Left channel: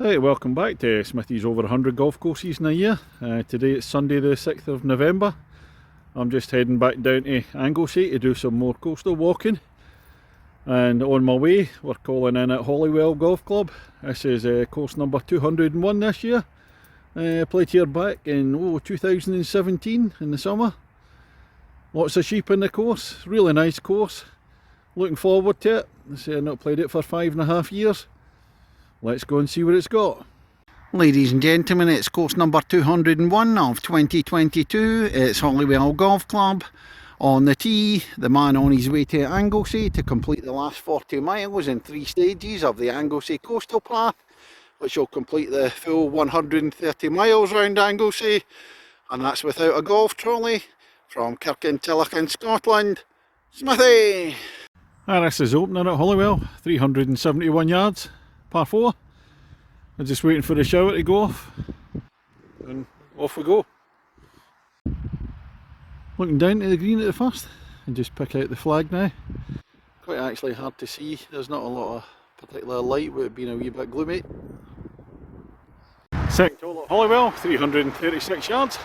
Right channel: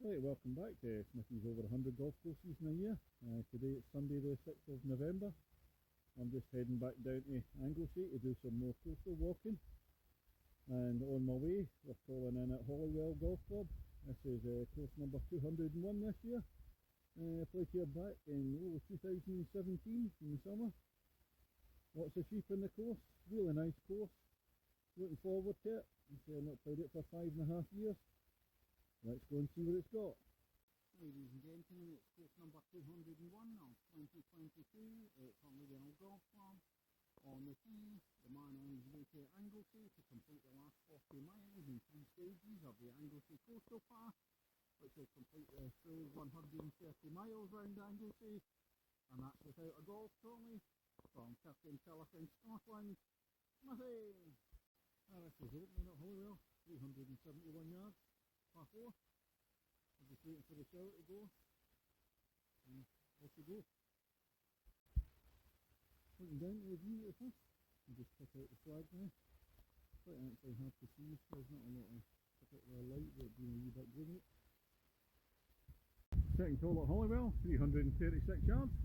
Hey, welcome back to Smithy's over 100 golf courses in a year. Today it's Sunday the 6th of November. I'm just heading back down to Anglesey to do some more coastal walking. And on my way, we're calling in at Holywell Golf Club. This is course number 201 this year. Played here back in 2017 in the summer. Lots of sheep in the course, really nice course. Looking forward to it. I've not played it for 5.5 years. Let's go and see what it's got. Ladies and gentlemen, it's course number 201 of 2022. It's Holywell Golf Club. On the tee, the man on his way to Anglesey to complete the last 40 miles in 3 stages of the Anglesey Coastal Path, which will complete the full 130 miles round Anglesey, and that's without a golf trolley. From Kirkintilloch in Scotland, Smithy! This is opening at Holywell, 371 yards. Par 4. I'm just waiting for the shower to go off and off we go. Looking down to the green at the first and just pick out the flag now. Quite actually hard to see, there's not a lot of particular light with it being a wee bit gloomy. Second hole at Holywell, 336 yards.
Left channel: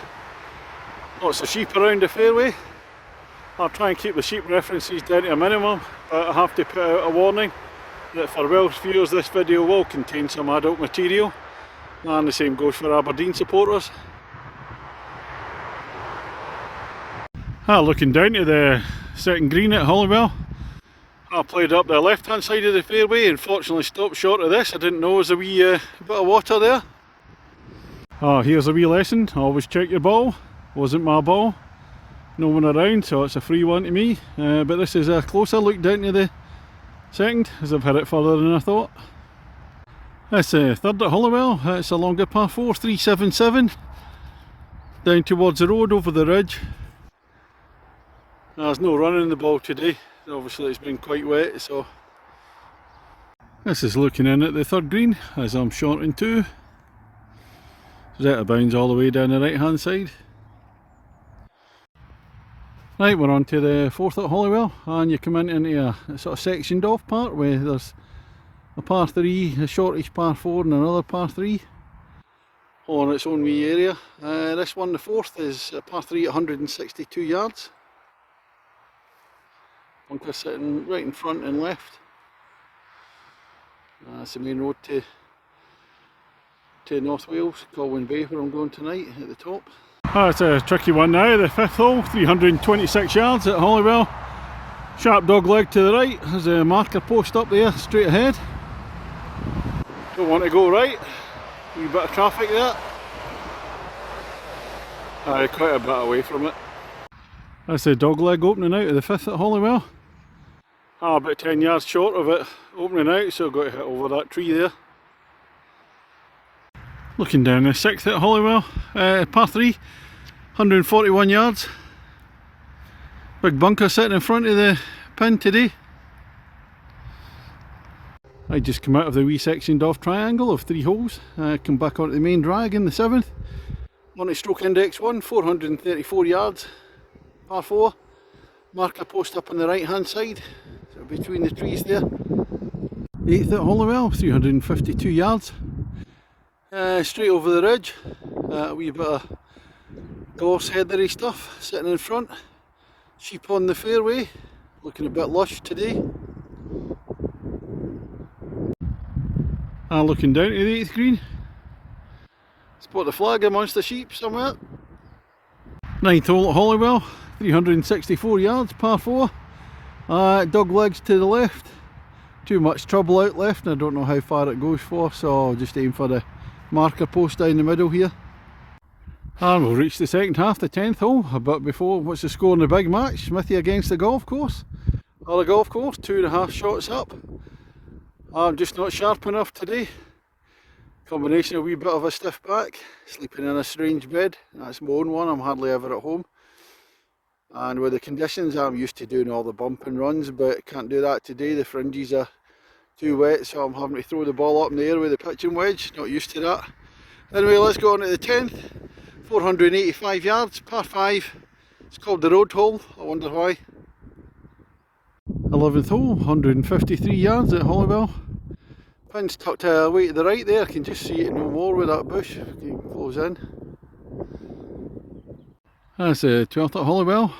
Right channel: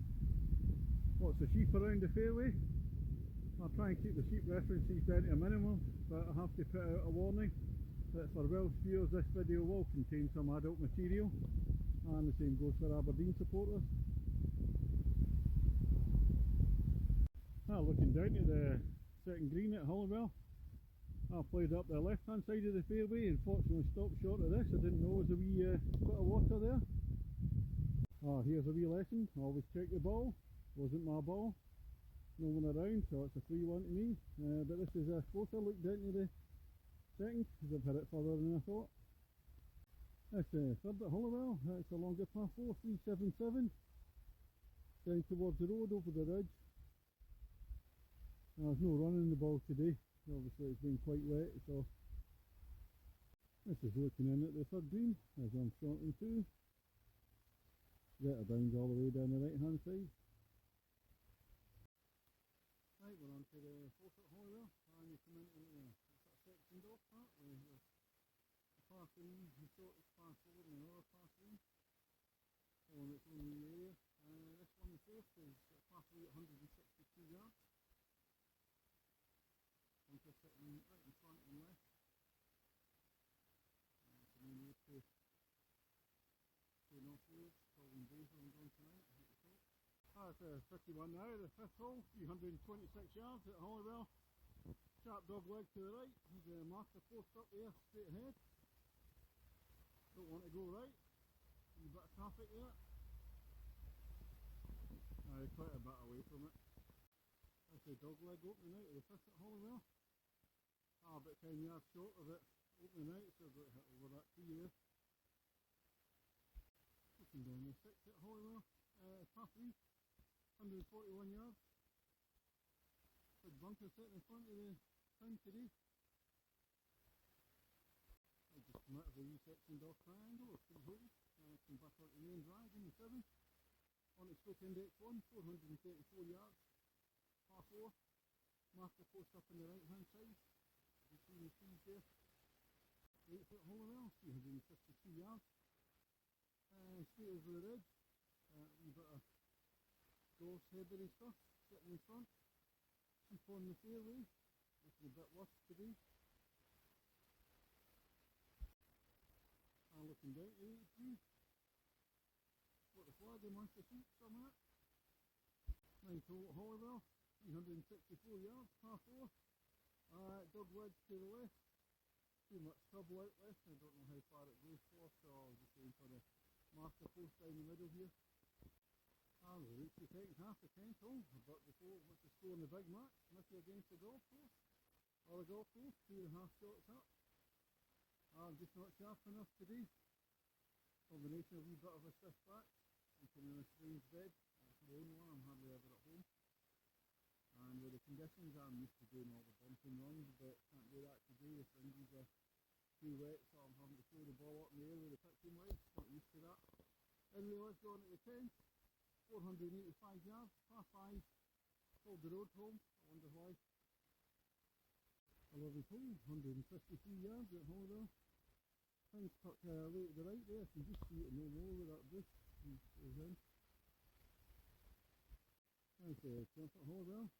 Lots of sheep around the fairway. I'll try and keep the sheep references down to a minimum, but I have to put out a warning that for Welsh viewers this video will contain some adult material, and the same goes for Aberdeen supporters. Looking down to the second green at Holywell. I played up the left hand side of the fairway and fortunately stopped short of this. I didn't know there was a wee bit of water there. Here's a wee lesson, always check your ball. Wasn't my ball, no one around, so it's a free one to me, but this is a closer look down to the second, as I've hit it further than I thought. That's third at Holywell. It's a longer par 4, 377. Down towards the road over the ridge. There's no running the ball today. Obviously it's been quite wet, so. This is looking in at the third green as I'm short in 2. It's out of bounds all the way down the right hand side. Right, we're on to the fourth at Holywell, and you come into a sort of sectioned off part where there's a par 3, a shortish par 4 and another par 3 all on its own wee area. This one, the fourth, is a par 3 at 162 yards. Bunker sitting right in front and left. That's the main road to North Wales, Colwyn Bay, where I'm going tonight at the top. It's a tricky one now, the fifth hole, 326 yards at Holywell. Sharp dog leg to the right, there's a marker post up there, straight ahead. Don't want to go right, a wee bit of traffic there. Quite a bit away from it. That's the dog leg opening out of the fifth at Holywell. About 10 yards short of it opening out, so I've got to hit over that tree there. Looking down the sixth at Holywell, par 3, 141 yards. Big bunker sitting in front of the pin today. I just come out of the wee sectioned off triangle of 3 holes, come back onto the main drag in the 7th. On to stroke index 1, 434 yards, par 4. Marker post up on the right hand side, so between the trees there. 8th at Holywell, 352 yards. Straight over the ridge, a wee bit of gloss heathery stuff sitting in front. Sheep on the fairway, looking a bit lush today. Looking down to the 8th green. Spot the flag amongst the sheep somewhere. 9th hole at Holywell, 364 yards, par 4. Dog legs to the left. Too much trouble out left, and I don't know how far it goes for, so I'll just aim for the marker post down the middle here. And we'll reach the second half, the 10th hole. But before, what's the score in the big match? Smithy against the golf course. Or the golf course, 2.5 shots up. I'm just not sharp enough today. Combination of a wee bit of a stiff back, sleeping in a strange bed. That's my own one, I'm hardly ever at home. And with the conditions, I'm used to doing all the bumping runs, but can't do that today. The fringes are too wet, so I'm having to throw the ball up in the air with the pitching wedge. Not used to that. Anyway, let's go on to the 10th. 485 yards, par 5. It's called the road hole, I wonder why. 11th hole, 153 yards at Holywell. Pin's tucked away to the right there, I can just see it no more with that bush. You can close in. That's the 12th at Holywell,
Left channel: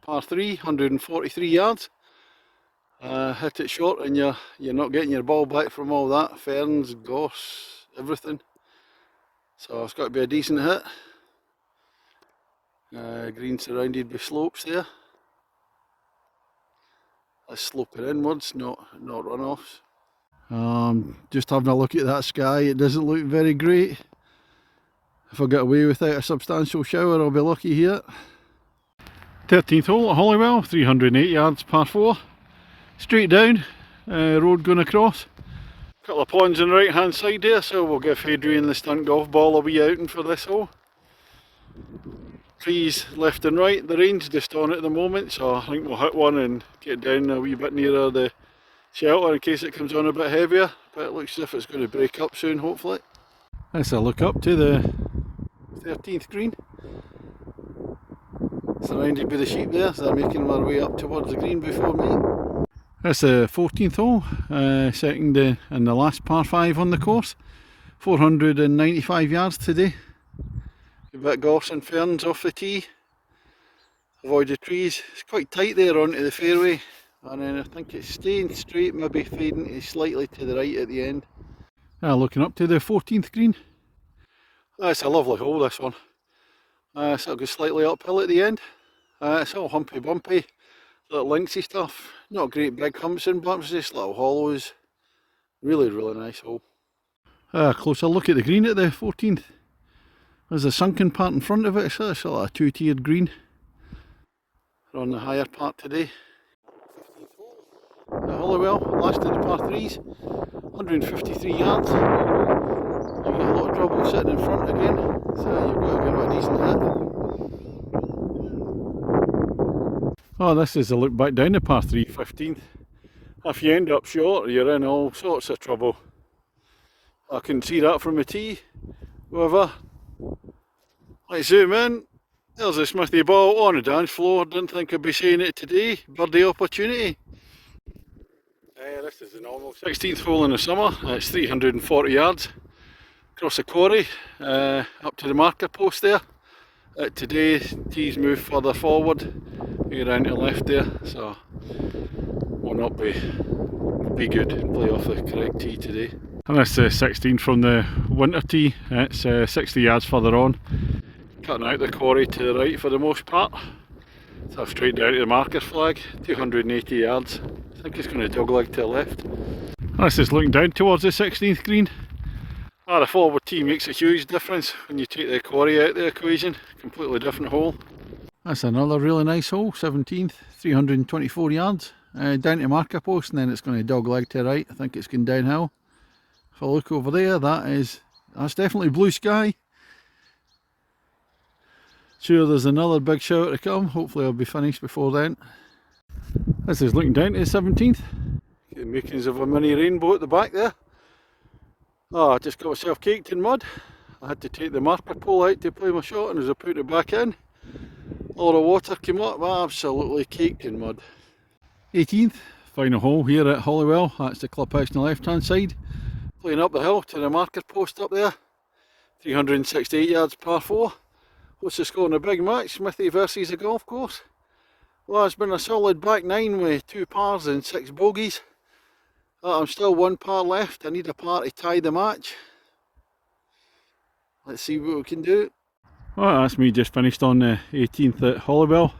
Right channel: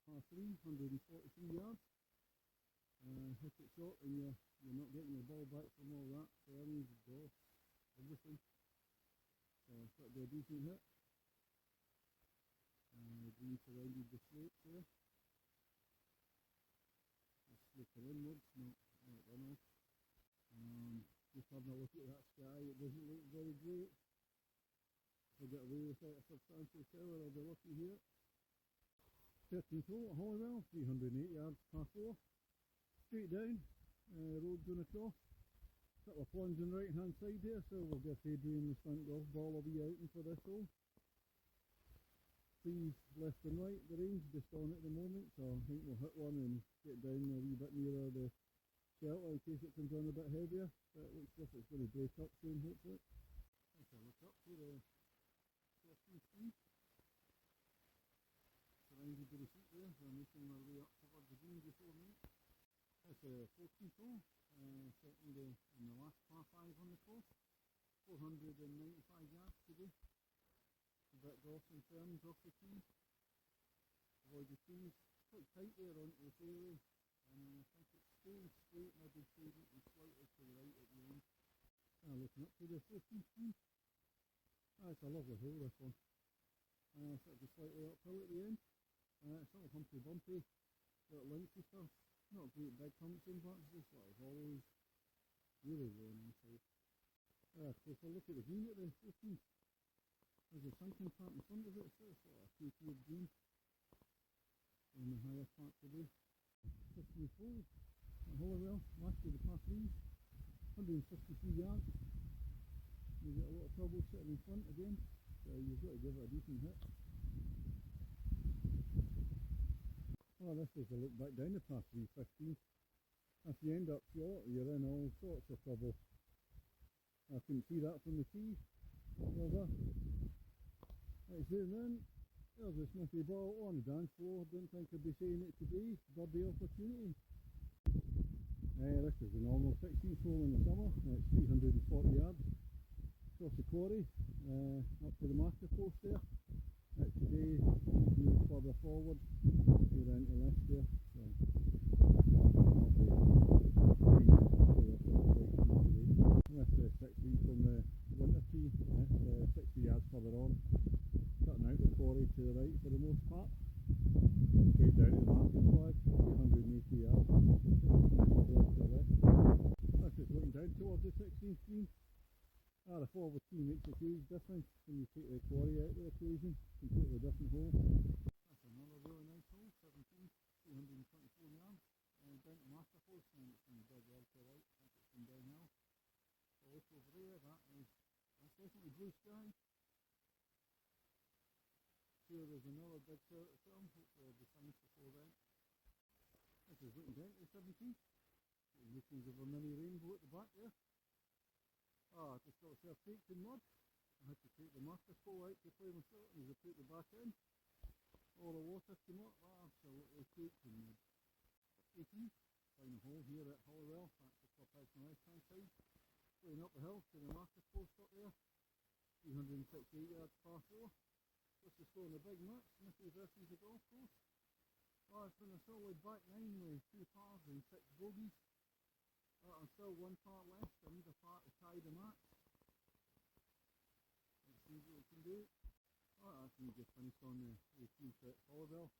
par 3, 143 yards. Hit it short and you're not getting your ball back from all that, ferns, gorse, everything. So it's got to be a decent hit. Green surrounded by slopes there. That's sloping inwards, not runoffs. Just having a look at that sky, it doesn't look very great. If I get away without a substantial shower, I'll be lucky here. 13th hole at Holywell, 308 yards, par 4. Straight down, road going across. Couple of ponds on the right hand side there, so we'll give Adrian the stunt golf ball a wee outing for this hole. Trees left and right, the rain's just on at the moment, so I think we'll hit one and get down a wee bit nearer the shelter in case it comes on a bit heavier, but it looks as if it's going to break up soon, hopefully. Let's look up to the 13th green. Surrounded by the sheep there, so they're making their way up towards the green before me. That's the 14th hole, second and the last par 5 on the course. 495 yards today. A bit of gorse and ferns off the tee. Avoid the trees. It's quite tight there onto the fairway, and then I think it's staying straight, maybe fading slightly to the right at the end. Looking up to the 14th green. That's a lovely hole, this one. So it'll go slightly uphill at the end. It's all humpy bumpy, little linksy stuff. Not great big humps and bumps, just little hollows. Really nice hole. Closer look at the green at the 14th. There's a sunken part in front of it, so it's like a two-tiered green. We're on the higher part today. 15th hole at Holywell, last of the par 3s, 153 yards. You've got a lot of trouble sitting in front again, so you've got to give it a decent hit. Oh, this is a look back down the par 3, 15th. If you end up short, you're in all sorts of trouble. I can see that from the tee. However, let's zoom in. There's a Smithy ball on the dance floor. Didn't think I'd be saying it today. Birdie opportunity. This is the normal 16th hole in the summer. It's 340 yards. Across the quarry, up to the marker post there. Today, tees move further forward. We're around to the left there, so will not be good and play off the correct tee today. And that's the 16 from the winter tee. It's 60 yards further on, cutting out the quarry to the right for the most part. So straight down to the marker flag, 280 yards. I think it's going to dogleg to the left. And this is looking down towards the 16th green. The forward tee makes a huge difference when you take the quarry out of the equation. Completely different hole. That's another really nice hole, 17th, 324 yards. Down to marker post, and then it's going to dogleg to the right. I think it's going downhill. If I look over there, that's definitely blue sky. Sure, there's another big shower to come. Hopefully I'll be finished before then. This is looking down to the 17th. Get the makings of a mini rainbow at the back there. I just got myself caked in mud. I had to take the marker pole out to play my shot, and as I put it back in, a lot of water came up, absolutely caked in mud. 18th, final hole here at Holywell. That's the clubhouse on the left hand side. Playing up the hill to the marker post up there. 368 yards par 4. What's the score in a big match? Smithy versus a golf course. Well, it's been a solid back 9 with 2 pars and 6 bogeys. I'm still 1 par left. I need a par to tie the match. Let's see what we can do. Well, that's me just finished on the 18th at Holywell.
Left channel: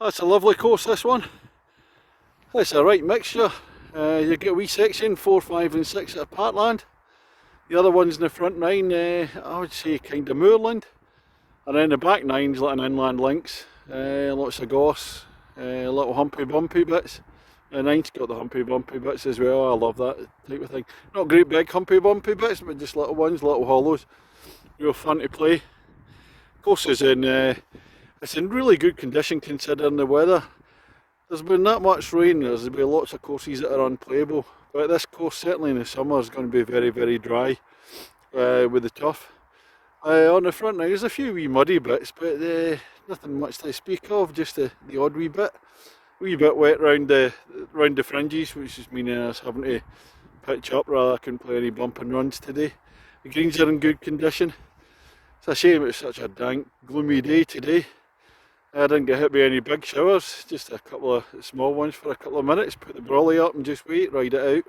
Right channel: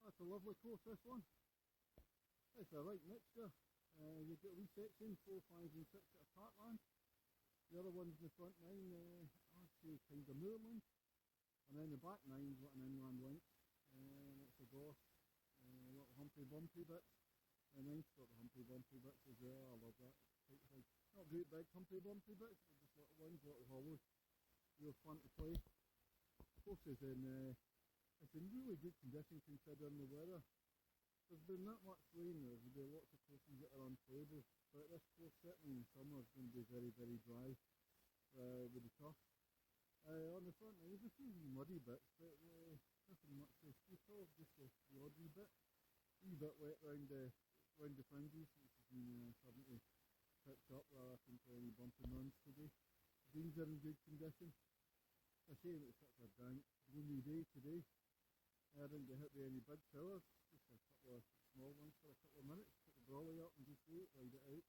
That's a lovely course, this one. It's a right mixture. You get a wee section, 4, 5 and 6 at Parkland. The other ones in the front 9, I would say kind of moorland. And then the back 9's like an inland links. Lots of gorse, little humpy bumpy bits. The 9's got the humpy bumpy bits as well. I love that type of thing. Not great big humpy bumpy bits, but just little ones, little hollows. Real fun to play. Course is it's in really good condition considering the weather. There's been that much rain, there's been lots of courses that are unplayable, but this course certainly in the summer is going to be very dry with the turf. On the front now there's a few wee muddy bits, but nothing much to speak of, just the odd wee bit. Wee bit wet round the fringes, which is meaning us having to pitch up, rather I couldn't play any bumping runs today. The greens are in good condition. It's a shame it's such a dank, gloomy day today. I didn't get hit by any big showers, just a couple of small ones for a couple of minutes, put the brolly up and just wait, ride it out.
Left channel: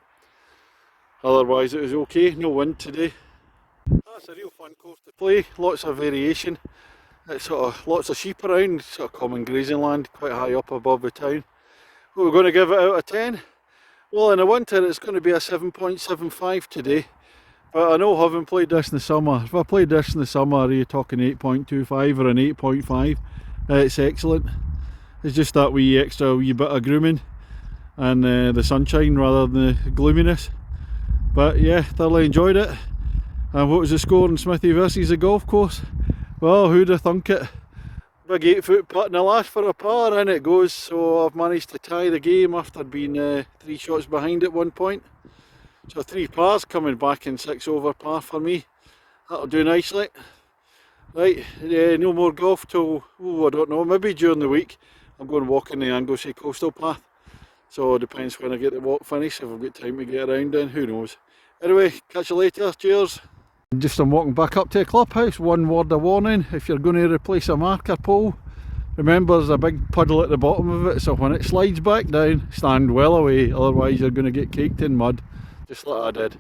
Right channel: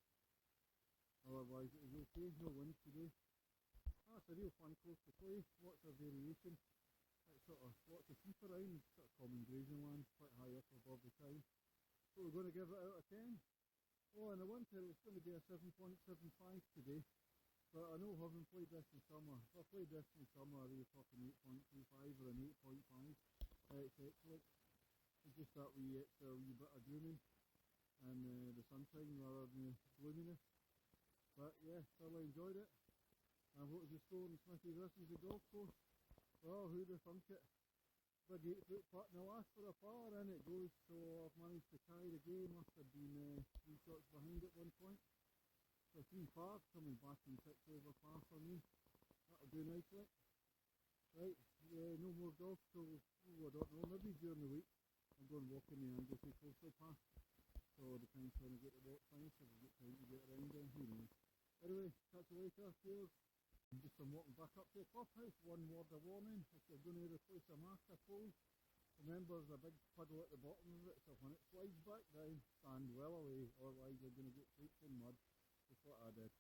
Otherwise it was okay, no wind today. That's a real fun course to play, lots of variation. It's sort of lots of sheep around, sort of common grazing land, quite high up above the town. What we're going to give it out of 10? Well, in the winter it's going to be a 7.75 today. But I know having played this in the summer, if I played this in the summer, are you talking 8.25 or an 8.5? It's excellent. It's just that wee extra wee bit of grooming and the sunshine rather than the gloominess. But yeah, thoroughly enjoyed it. And what was the score in Smithy versus the golf course? Well, who'd have thunk it? Big 8-foot putt in the last for a par, and it goes. So I've managed to tie the game after being 3 shots behind at one point. So 3 pars coming back in 6 over par for me. That'll do nicely. Right, no more golf till, I don't know, maybe during the week. I'm going walking the Anglesey coastal path. So it depends when I get the walk finished, if I've got time to get around then, who knows. Anyway, catch you later, cheers. I'm walking back up to the clubhouse. One word of warning, if you're going to replace a marker pole, remember there's a big puddle at the bottom of it, so when it slides back down, stand well away, otherwise you're going to get caked in mud, just like I did.